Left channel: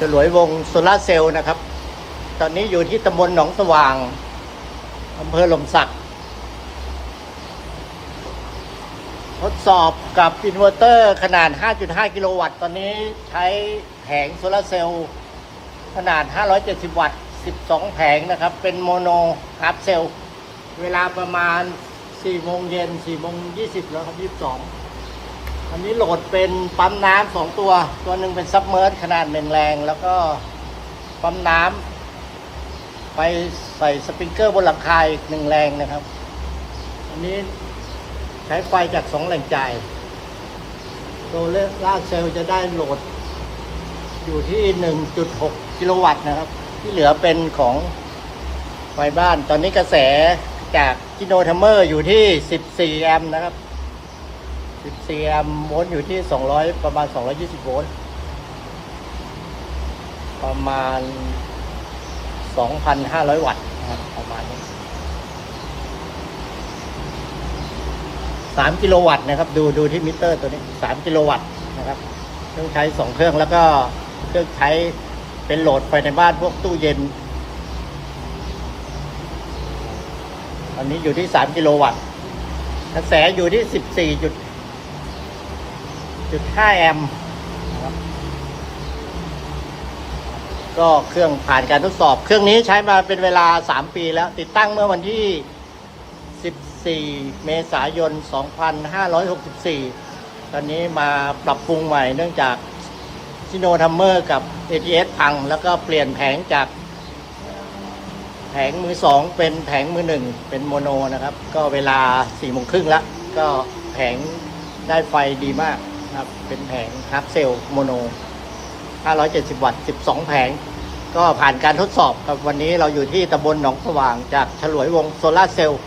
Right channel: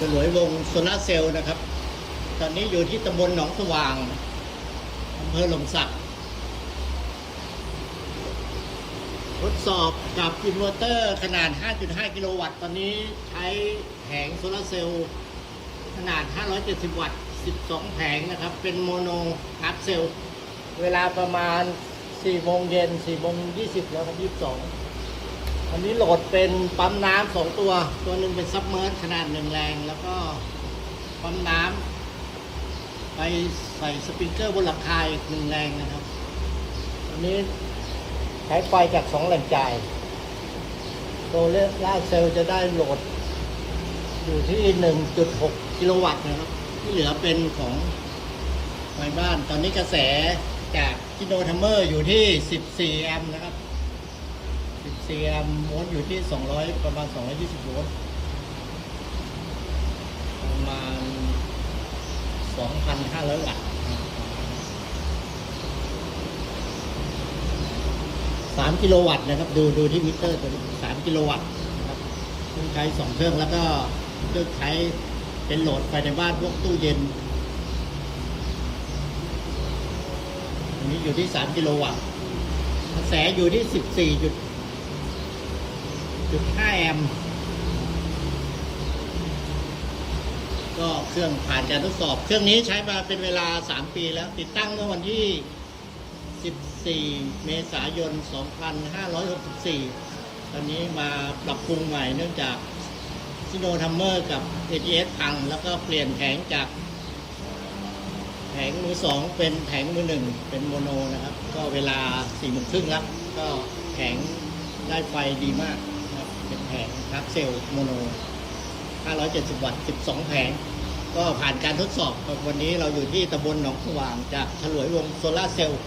ฉลวยวงโซลาร์เซลล์นะครับ ตอนนี้อยู่ที่ตำบลหนองสว่างอำเภอหลมสัก ทดสอบกับอินเวอร์เตอร์ขนาด 5.5 กิโลวัตต์ ตอนนี้ใช้แผงโซลาร์เซลล์ขนาด 570 วัตต์ 12 แผงนะครับ เป็นโมโนกราฟเซลล์ เวลาประมาณ4โมงเย็น4โมง20แล้วครับ22 วันนี้โหลดเป็นปั๊มน้ำสองตัว ตัวหนึ่งเป็นซับเมอร์ขนาดหนึ่งแรง แล้วก็ปั๊มน้ำไปใส่สปริงเกอร์บนหลังคาอีกหนึ่งแรงนะครับ อันนี้ใช้ไฟจากสองแหล่งจ่ายโซลาร์เซลล์จะได้โหลด อยู่ที่1.6กิโลวัตต์นะครับ ที่เหลือเป็นของไฟบ้าน ตอนนี้กระแสจากกิโนทัมเมอร์อยู่ที่ 14 แอมป์นะครับ 14แอมโวลต์อยู่ที่ 200 ประมาณ 220 โวลต์ประมาณ 2,500 วัตต์ประมาณ3กิโลวัตต์นะครับ ดูดูที่มิเตอร์ตัวนี้ 3 กิโลวัตต์นะครับเครื่องใช้ 2 เครื่องแล้วก็เครื่องใช้เป็นโหลดไฟในบ้านพวกตู้เย็น อันนี้อยู่ที่ 3 กิโลวัตต์กระแสอยู่ที่ 14 จุดจุด5แอมป์ก็เครื่องผ่านการทดสอบ เครื่องนี้ใช้มาเป็นเวลา 3 ปีแล้ว ติดตั้งเมื่อวันที่ 14 เมษายน 2564 ตอนนี้มาปรับปรุงใหม่เนื่องจากชิโนทัมเมอร์กับ ATS พัง แล้วก็เปลี่ยนแผงจาก แผงมือสองเป็นแผงมือหนึ่งเป็นโมโนนะครับ ก็เวลาสี่โมงครึ่งแล้ว ก็แผงได้ไฟดีมาก เป็นแผงฮับเซลโมโน 570 วัตต์ 12 แผง ก็ผ่านการทดสอบครับวันนี้เราอยู่ที่ตำบลหนองสว่างจากฉลวยวงโซลาร์เซลล์